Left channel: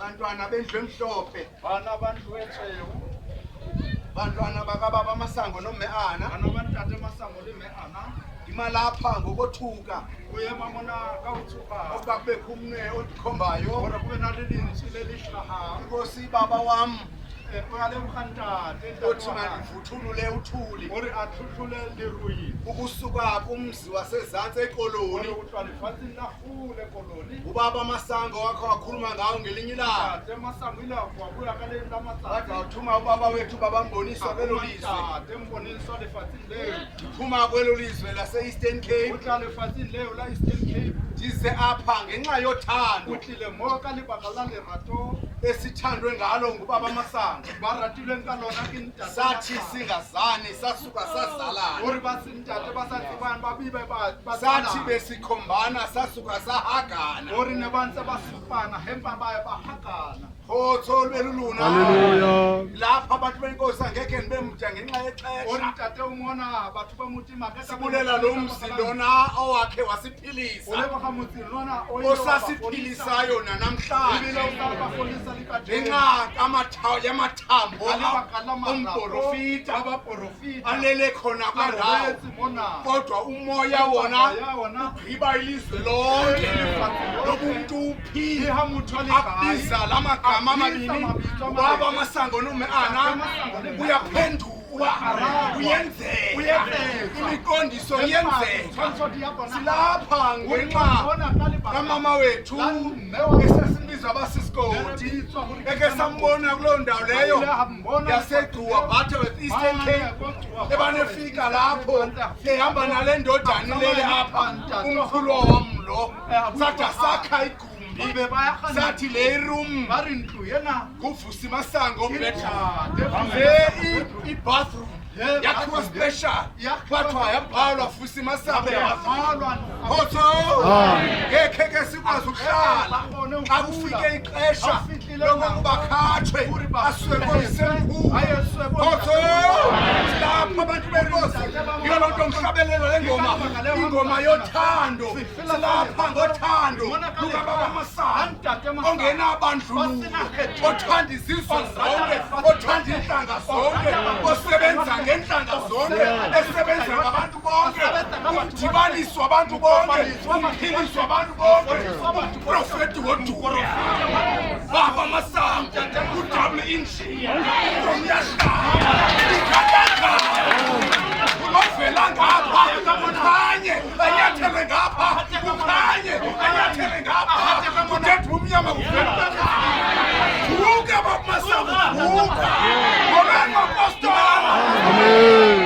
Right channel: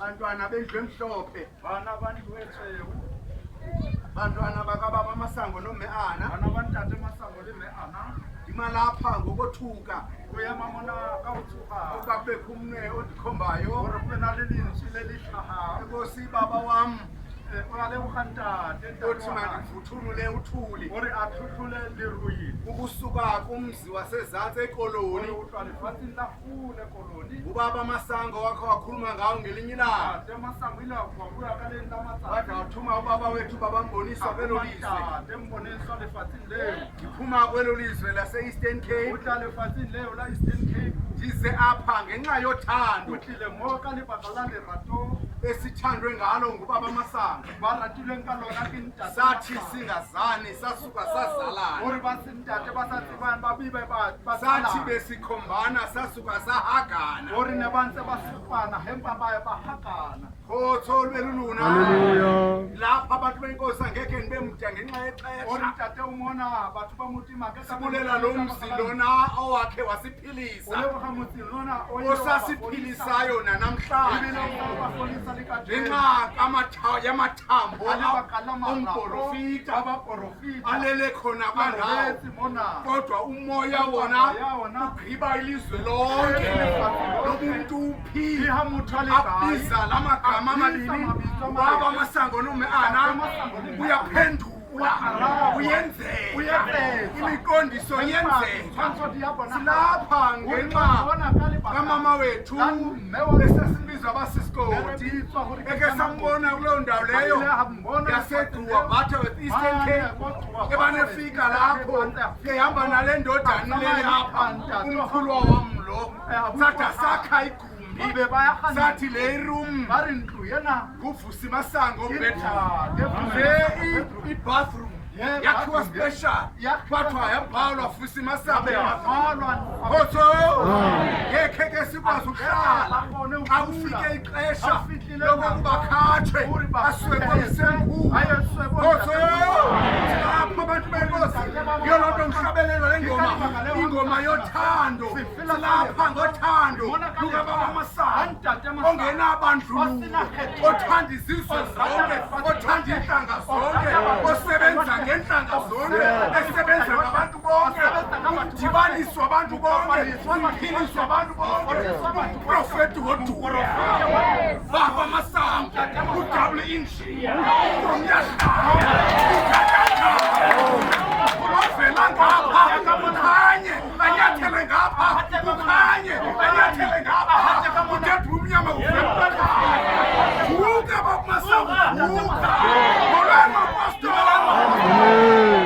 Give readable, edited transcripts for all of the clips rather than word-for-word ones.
Bantwana bendlu emhlophe. Bana bandlu etsheu. Bantwana bakababa Masango noMeana. Bana bantate Masango le Meana. Imalapha ngokothuka. Uyema mona ka utsuka. Ukuba kubekho umnwe odikhombayo. Hore kube na le lentswe le lihlaha. Inkosi baba wam. Uyale ukantate Uthi mandivuthulule uthuli. Hore athuhlule leruyi. Ukusuka kumzi wasezantsi ekoloni. Hore utlwa lefatsheng la kgole koloni. Ubaba Masango wakho wakhuluma ngawo ngelinye ilanga. Ntate Masango ile wabuya ka leng la matsatsi. Wathi wathuma ubaba wethu babamboniswa kwelo lizwe. Ntate mboniswa lefatsheng leo. Ndiphuma kwelo lizwe lase-Eastern Cape. Utla lefatsheng leo la Eastern Cape. Ndize apha ngenxa yothando. Utlile mo ka lebaka la lerato. Esithandwe ngalo ngubaba Masango. Ba ratilweng ka lona ke ntate. Sathi singazani sasuka sazalana. Hore ba se ntate ba sa tsebang ba bibe ba Sathi besikhombana sasuka sahagana. Hore ne ba ntse ba supana hempa ba hakana. Khotso lweluluna. Hallelujah. Lapha abantu benkosi angeke nibe mda ngenxa Hore yexesha. ntate umona batho ba mutima ka Sibulela lo mzi lona owakhe wasiphilisa. Ole ba mutsi lona Osasiphilisayo nanamhlanje. Ibile ba folisa likade. Ngenxa yamathambo umprofita abaprofita alele khona kwandawo. mona. Kodwa umoya wona ugqiba ilizwe lonke. Lobuntu uphi abiza lamagama amabini. Ubaba Masango noMeana uyaphendula uyenzeka. Imiqondiso iyenzeka. Silapha ngenxa kamama wethu esesimbiza abasisikoti. Eke sambona kuloo ndawo leyo yaseGcuwa Batha with Eastern Cape. Ebanefika lapho ehamba nale ndodana leli apha umkhulu wam lo. Sathi sakha igumbi. Sathi le room nguVusi Masango i-bathroom yakhiwa special kwathiwa yabhalwa Vusi Masango. Khotso ngekhe ke sikwazi ukuhlala xa kufike ixesha lokuba bakhathwe asiwe komsemkhulu. Khotso silapha abantu benkosi yiyo loo nto ngihlabelelo le ngoma, ingoma yothando. Silapha ngothando lukababa Masango ongenabandlululo, othanda izizwe zonke, othanda iintlanga zonke, osebenza ngentlanga zonke, esebenza ngabantu bonke, umdibaniswa abantu bonke, umphiliswa abantu bonke, uprofeti wodumo baba Masango, udouble engineer, umyahlaba ikatata ovela ngapha ukhanye anyathele ngapha ukhanye anyathele ngapha kudedwa umnyama kuvela vuka baba Masango vuka ngolwena apostolana. Amen.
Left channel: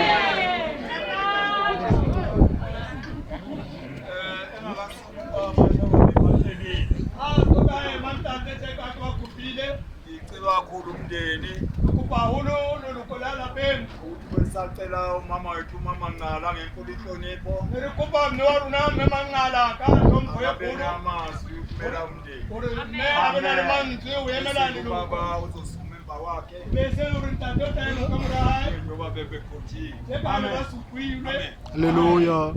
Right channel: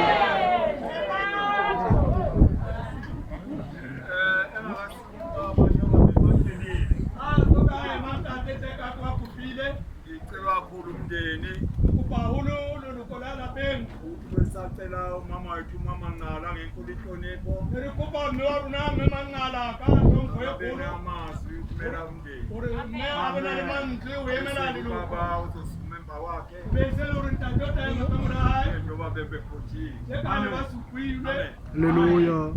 Ngicela kakhulu umndeni sacela umama wethu umama Nqala ngenkulu inhlonipho abene amazwi ukumela umndeni. Ubaba uzosukuma emva kwakhe njengoba bebekhothiwe. Amen. Hallelujah.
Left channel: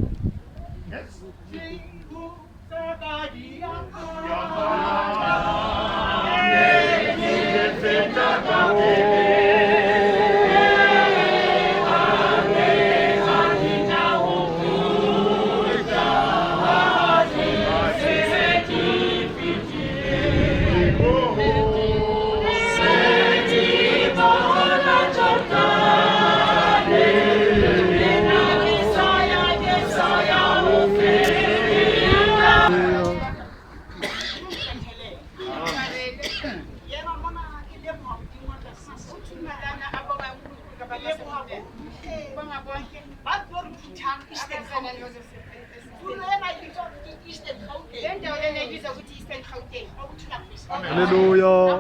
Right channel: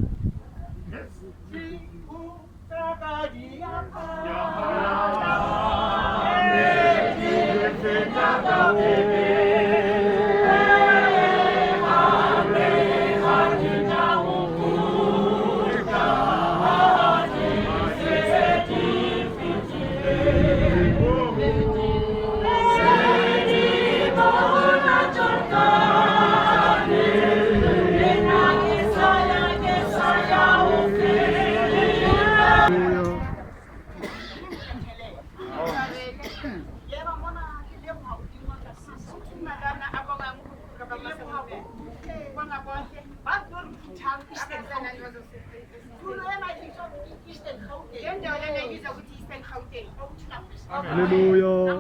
Hallelujah.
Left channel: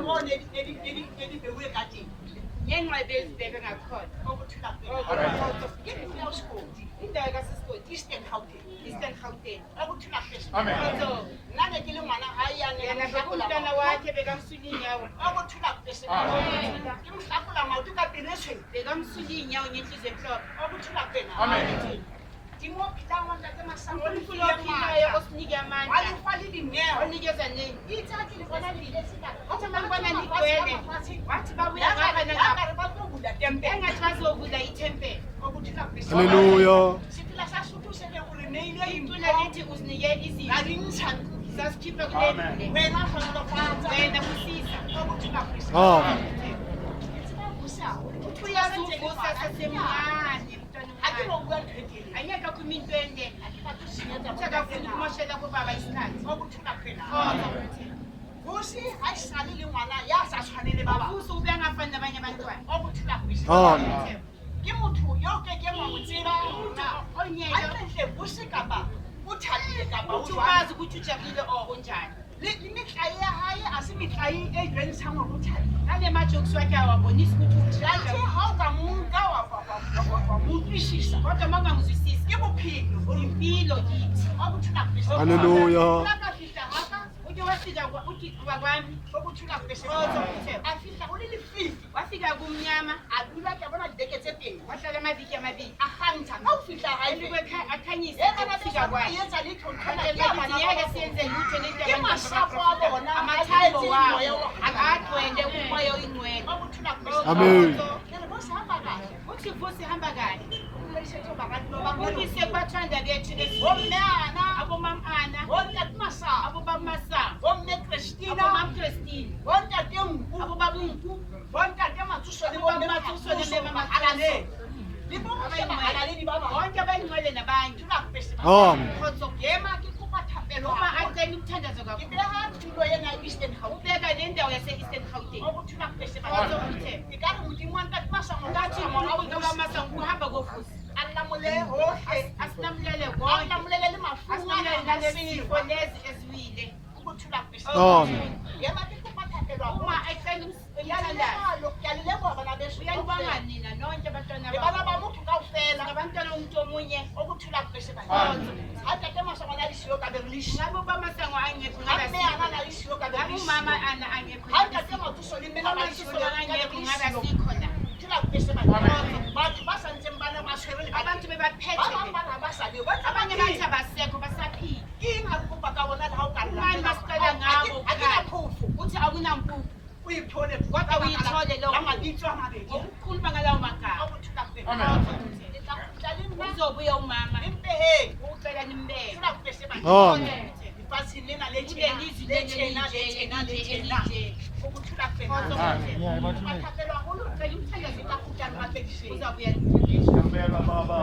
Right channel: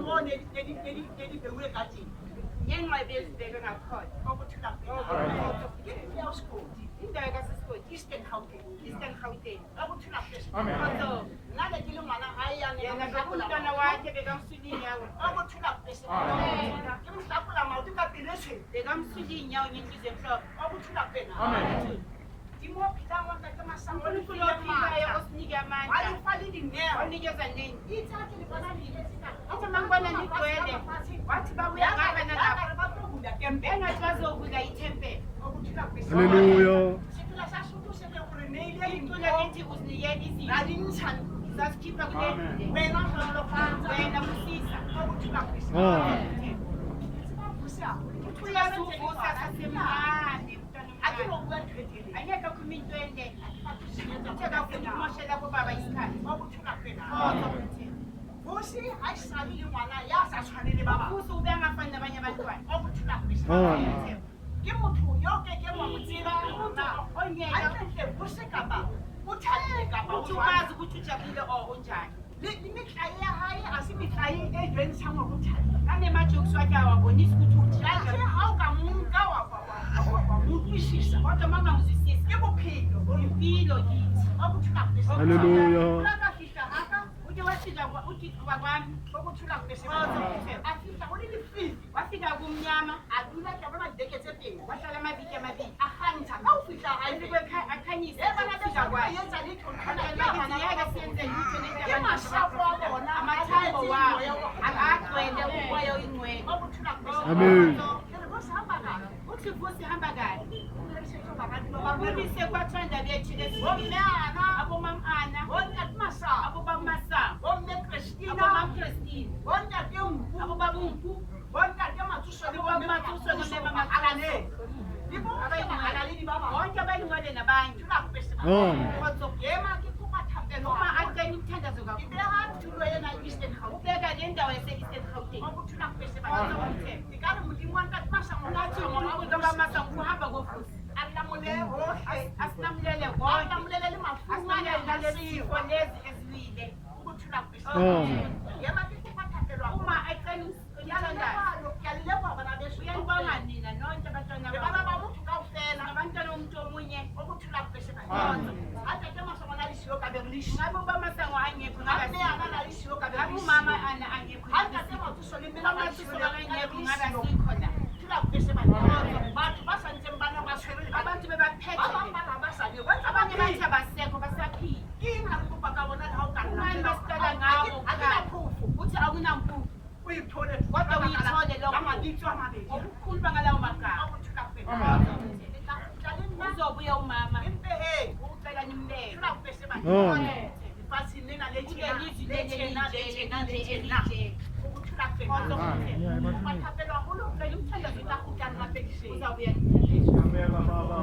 Timo bilang wang kata Masango ni uNkulunkulu ophilayo osinike amandla walifali dineo. onikeza nini Ithathe libona lilesika. Athi mangibona nigcwele wathi babuya ngapha nangapha bakuvula tempe. engathi bazovula ithempeli Okuthula kwesiko. Hallelujah. Sithula sasuthu sele urinele icule lithi usinike izinto Lalinchani. sasikhipha kulendle Wena hlono fanza. wena kusisa Okuthula kwesiko. Amen. uyazuvusa sasemncane mntwana omncane Akinokuya ndithethele. angeke akhuluma into ende Akafuna uthi akafuna ukumoshela kubaba isikhathi okuthula kwena. kodwa uthe Vusi ayisali le ngwana ya sa tshwanele ba bang. ubuso ube angafani nabanye abantwana Okuthula kwesiko. Amen. Ke motho yo ke ke mo tseba umuntu onyeka Hantle Vusi kapa o thabile kapa o uthi jwang. umazi ukuthi ujabulile or unjani Le mitlae ya hae a se mitlae e jwentshang hore o thabile. nale majokes wakhe awabonisi ukuthi Jathe ujabulile ha o ka mo nka wa mo utlwisisa. kodwa uma ungangizwisisi Ke bophelo bo impilo kithi okuthula kwesiko. Hallelujah. Ka ka fihla haka uthi wafika uthi kwakwami okuthula kwesiko. kodwa uthe A fihla o le lefifi. wafika kumnyama A dula ke bona dibeke tse pedi. wahlala amaviki amabili A kgantsha ka o fihla hae. akhanyisa E bana ukufika ba kwakhe yetsa letho Bathi ngeke siyenze lutho lento Ke masapo a bona amathambo wabo agcwele umoya oyingcwele okuthula kwesiko. Amen. Ke re bo sahamba kahle. uthi Vusi hamba kahle Umalisetho bakati lo bangelo. ubulise kwathanda bethu Bomme ana, abomamana bontate Masango, abobamasango bomme Christina, abomamchristine bontate Nku, abobabunku bontate Matsuso le bomme Matsuso le bomme Matsuso. Mahalale. Di bomme Mahalale di ba bang. bonke abayingcwele nabanye Thula kwese ba. Amen. khotso Yema ke kopa thapelo. uma acela umthandazo Ke kakhulu beha tulo yena Eastern Gauteng. ubeka le ndawo yase-eastern gauteng Okuthula kwese ba. khotso uthe Ke ka re modimo wa ntate Masango ngathi unkulunkulu kabamasango uhamba kofusi Allah mole hohle. asinamulele Allah konke molele le mafunga asinamulele na nalezifo sifo. lezi eziwile Okuthula kwese. Amen. Yema ke kopa thapelo. uma acela umthandazo Yalelo yalelebo bana besu. uyalibonga nina nonke abantwana Le bana ba motho kaofela. ngabantwana bomuntu omunye Okuthula kwese ba. khotso Hatta ke Masango na lisiyo ka berlish. ngabe ubamasango angekho Amme ana ngabe na lisiyo ka ngabe berlish. umama ana angekho Hatta ke Matsuso le mena ba lisiyo amasuso ka angekho ngabe berlish. asikho la Thula kwese ba. Batho ba sa ntseng bana ba tshwere le abantu bebaphethe ba bang ba ba sa le ba abanye bathi abasekho basaphila king ha kupa ka bona ha o ka Ubani basicela ngabo akina phufu uthi akunampuphu uyithole kodwa uyithole lo amabitso amabedi okukhuluma ngalawo magama okuthula kwese uzobuya umama impe he ucela nimbeke thula kwese ba Amen. ifatshe lena le kule tjena lizwi le tjena le tjena le tjena elije okuthula kwese khotso bathapelwa haholo re umthandazo tla kutlang gape difeng uzabuya nimthandele Kamela baba.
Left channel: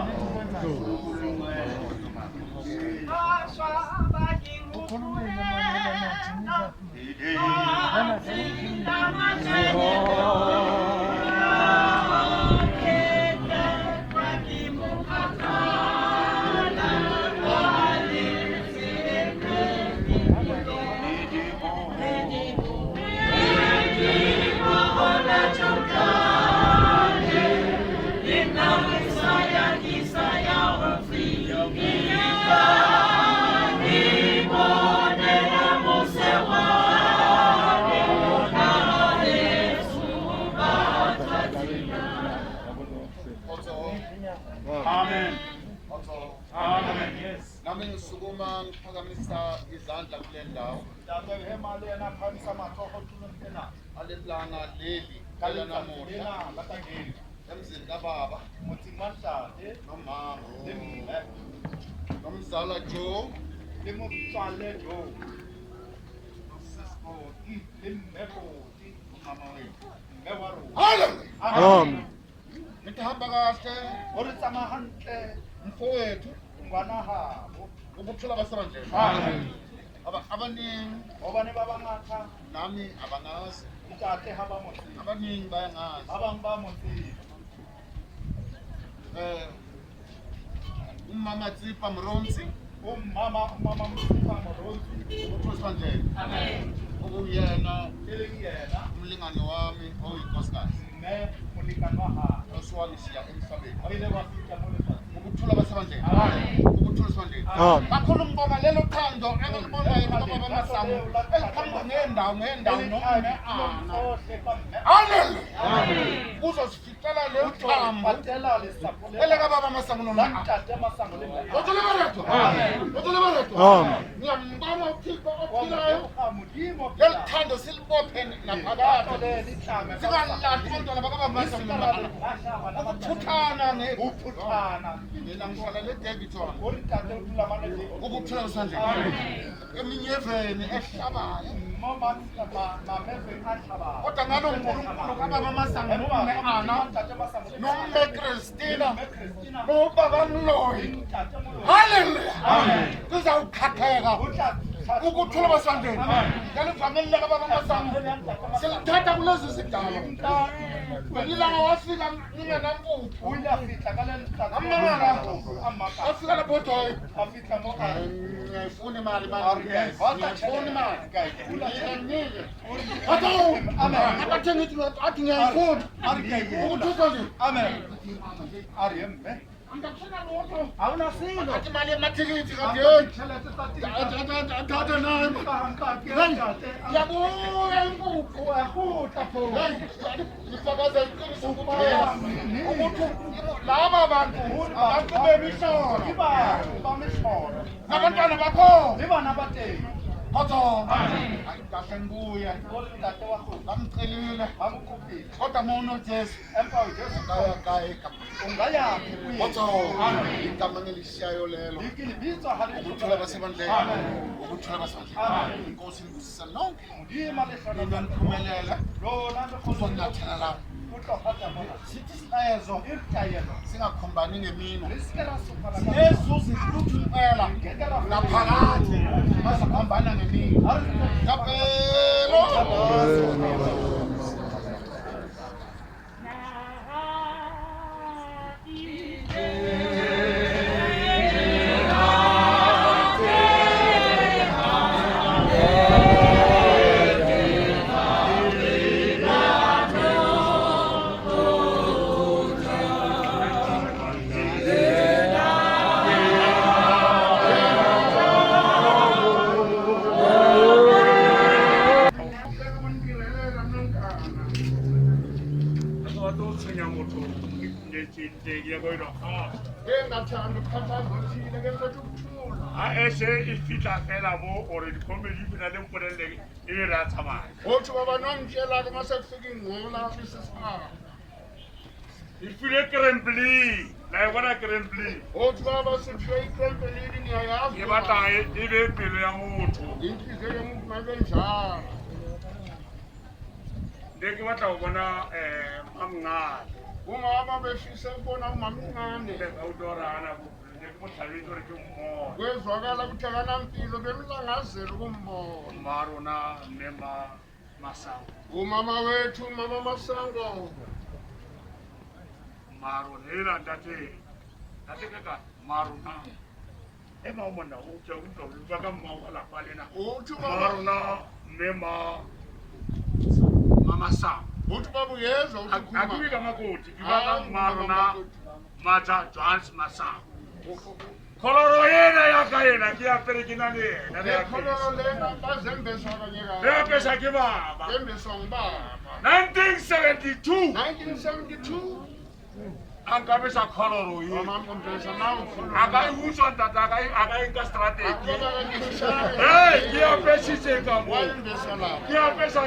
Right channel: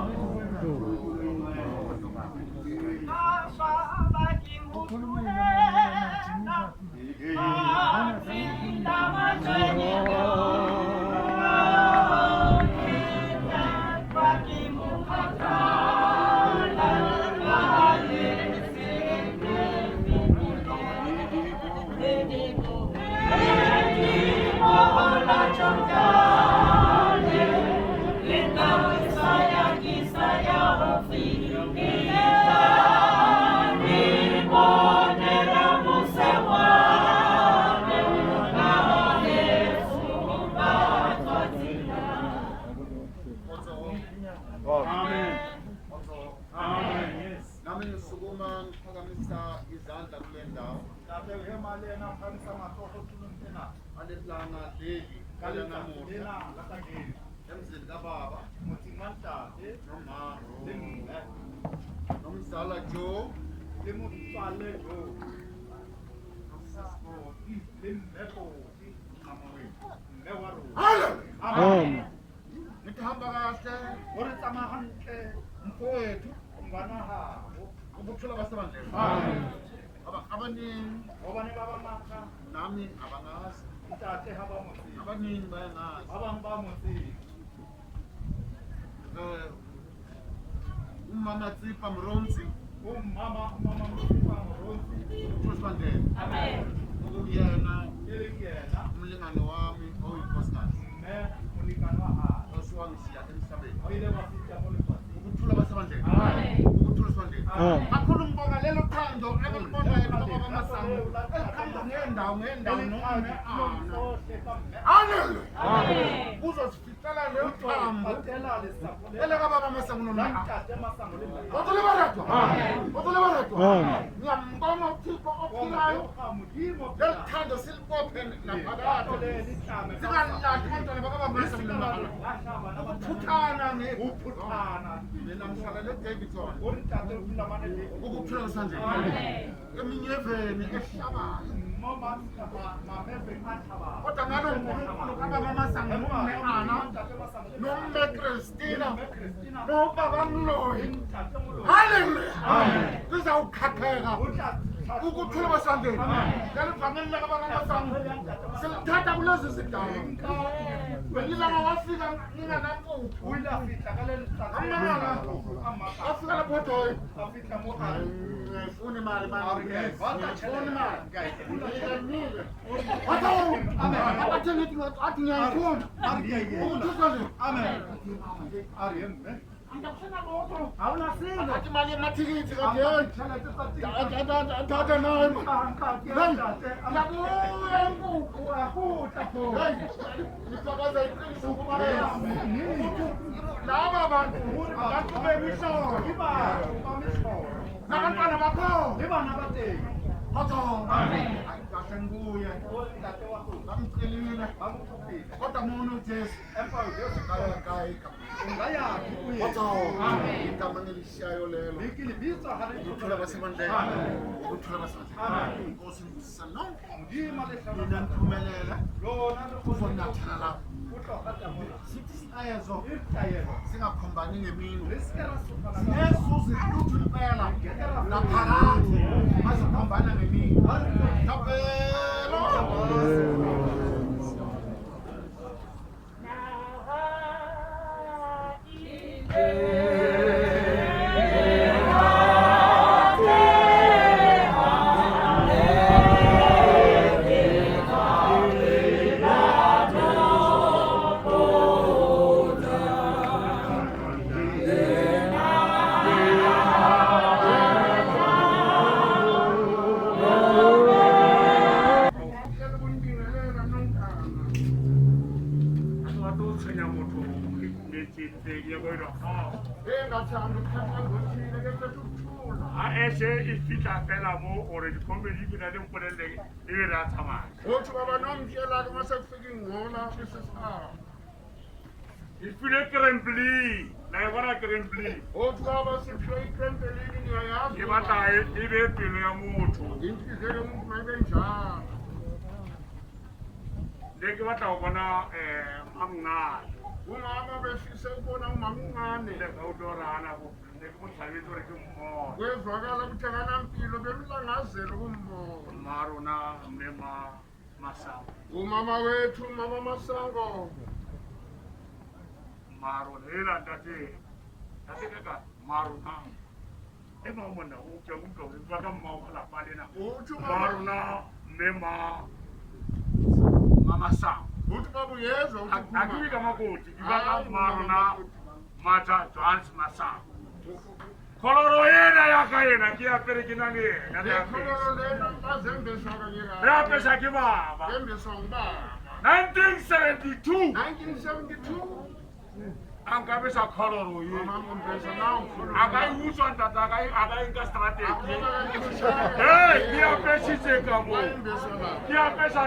Amen. Amen. Yes. Nami ngisukuma ngiphakamisa izandla kule ndawo Lapho hemali yena phamisa mathoho tuluntina. aleplanga leli kala namuhla Lakangeni. emzini kababa Muthi manhlanje nomama limbe. nomzala Joe Limutsale jo. nosisco Limbeko. umama wethu. Mbewaru. Amen. Ngihamba kahle Uri tsamahantle mfowethu ngwana habo. ukuphila basebandleni Amen. abaningi Obane baba ngakha nami abangazi ntate haba motsi. abaningi bayangazi Abang ba motsi. umama Tsipa Mronsi Mama msifa moronzi. ukuphila basebandleni amen okuyena Yena umlingane wami oyinkosikazi ne mulikanwa ha. oswangisiya emhlabeni Oyile wafika molefasi. ukuthula basebandleni Amen. ukuthula basebandleni Amen. kakhulu ngibonga lelo thando engilibonayo baba Masango elikhamba ngendawo noma ana haleluya uzosifikela leyo thambo eleka baba Masango noma otole barato ngiyambonga uThixo ophilayo lelithando silibophe naphakade singalahli abantwana bakaba Masango noma ukuthuthana mina ngihlala leDavidson ukuphila esandleni eminyeveni ehlabayo kodwa ngalo uNkulunkulu kababa Masango noMeana noMcristina nobaba Mloyi haleluya kuzawukhatheka ukuthula basandleni ngalivangeli lakababa Masango silithatha kulezi zidalwa Ilanga wafika ngingenampuphu amangala afika lapho doyi ngifuna imali ngifuna imali ngiyinike abathe ngithi athi ngiyayifuna ukuthusa nje awunasilo athi imali yemathikithi kadeni athatha nayo yabuya impuphu yahuta pho ngifakaza iqiniso kuphela ukuthi laba bantu abantu bemishono nabantwana bakho Koto, kahle ngibuya. Ngamcelile. Kodwa mono Jesu. Ungayaphi kuye? Koto, igama ngilishayo lelo. Ukuthula basebandleni. Ukuthula basebandleni. Inkosi ngibusisa lonke. Mina niphumelela. Uzonyathela lapho. Sithi silayezo singakhombani ngemino sinezuzi luthu impela naphakathi masakhombana ngemino tapelo ifika fela mo ore dikomedi bina le mpolelle e ra tsamaya otho baba nomtshela ke mase kufika ingcola besesipha ifile krembli la bona krembli otho baba siphe ikrembli niyayazi ke batla e be pelo ya motho inhliziyo yomuntu mayibe njalo ndeke batla go bona mamngane umama befise ukubona umamncane udorana ndekumohlabetsi gore ke mmono kwezwakala ukuthi akanampilo bemlangazela ukumbona marona mme Masango umama wethu mama Masango marona ntate kaka marona ema umona uke umntu baka mawala palena uthi marona mme Masango uthi babu yezwa uthi akubika makoti ibaka marona maja Johannes Masango koloro yena yakayena kiyapere kinani yena koloro lena bazembeswa kanyeka ya pesa ke baba embeswa ngibaba 1972 angabesa koloro yena mama ngombesa nawo koloro akayiwutswa ntata akayinka strategy hey kiyapesitse kamo embeswa la kiyapesa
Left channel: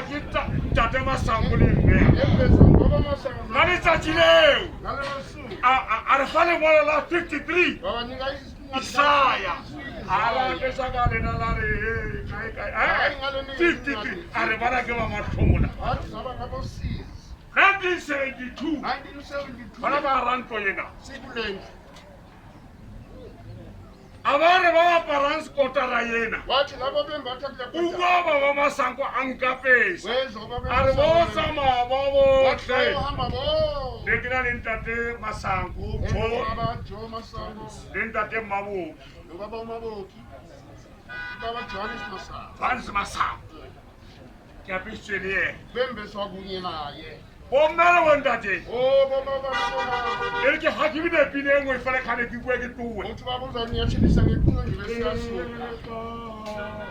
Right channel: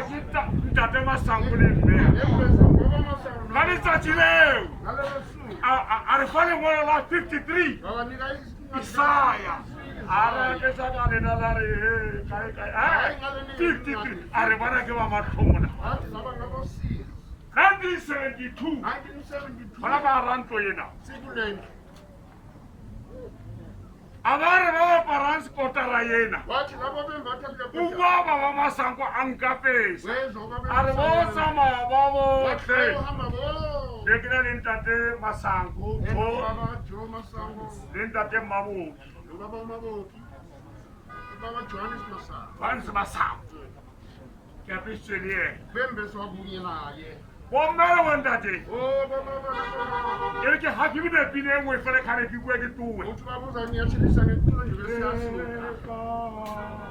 ntate Masango le mme embeswa baba Masango ngani tsatsile ngalesu arifale mola la 53 baba nika Isaya ara pesa ka lena la re kai 53 are bana ke ba matlhomona wathi saba ngabo 1972 bana ba ranto yena sikulengi abare ba parents kotara yena wathi labo bembatha kule ubaba ba Masango ankapesa wezwa baba are bo sama babo wathi uhamba bo dekina lentate Masango baba Jo Masango lentate Maboki baba Maboki baba Johannes Masango Johannes Masango ke apesele bembeswa kunye naye Bomela wontate. Oh, baba. E re ke ha ke bine pine e nngwe fela khane ke bua ke tuwe. Motho ba botsa nya tshedisa ne tulo di be sa soka.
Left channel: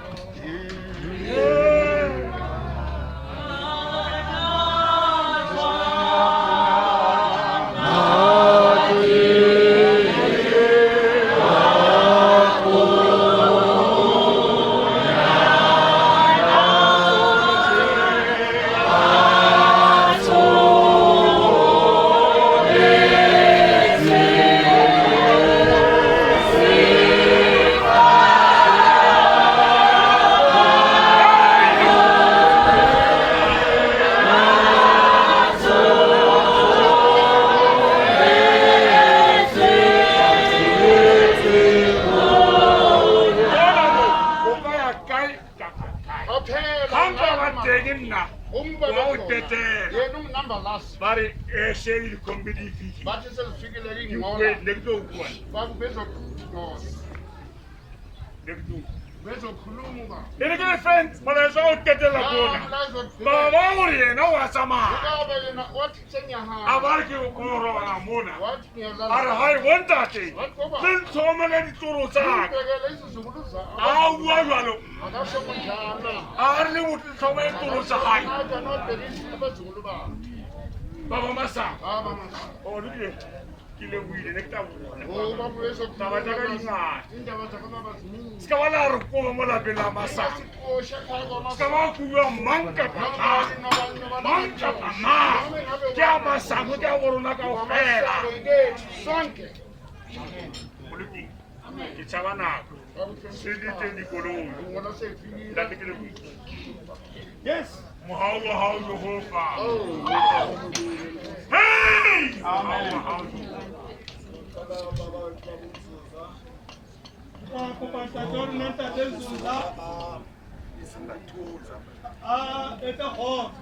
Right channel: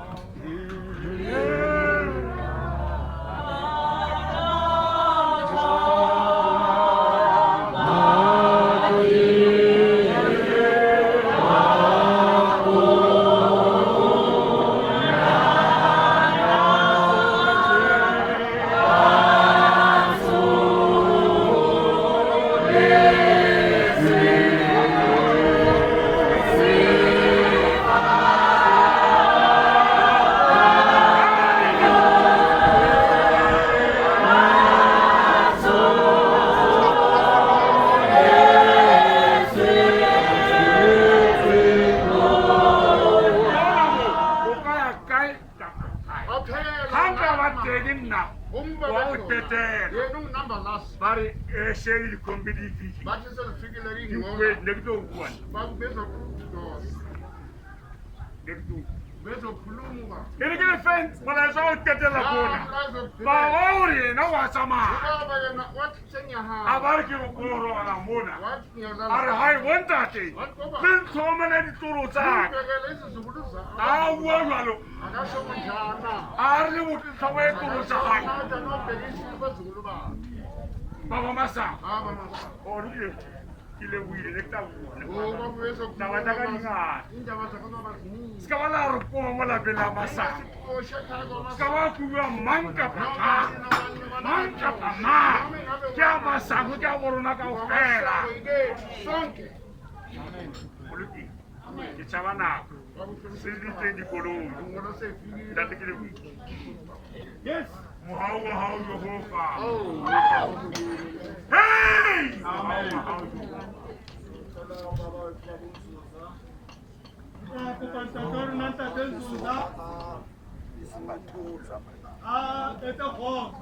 Number last. Bari sheri di kombedi fiki. But it's a figure in You one. wait, next to one. But better doors. Next to. Better Kulumuba. Ini kena friend, pada saya tete la bona. Baba uri na wasama. What Senya ha? Abar ki oro na mona. What Ar hai wanta te. Bin somene di turu sa. Awa walo. Ar ni mutu somene turu sa hai. Baba masa. Oh ni kile wili nekta wona. Tawa jaga inga. Skawala ruko mola bela masa. Skawa kuwa manka pata. Manka pama. Kya Masango kya worona ka ofela. Sonke. Politi. Kichava na. Sidi tendi kolo. Datikile wili. Yes. How Jehovah. Hey! How It's a horse.